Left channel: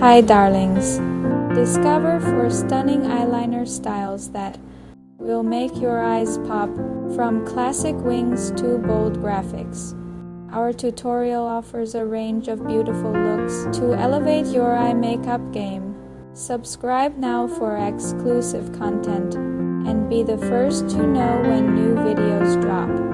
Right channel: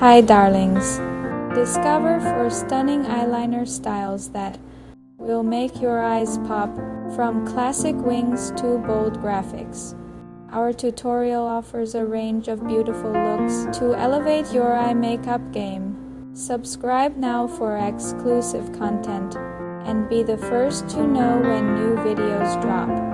Hi darlings! Discover 4 stunning eyeliner styles that will make your eyes pop, from classic wings to bold graphics. Our tutorial offers a range of beautiful looks to elevate your eye makeup game. Subscribe now for exclusive content and be the first to know when new videos drop.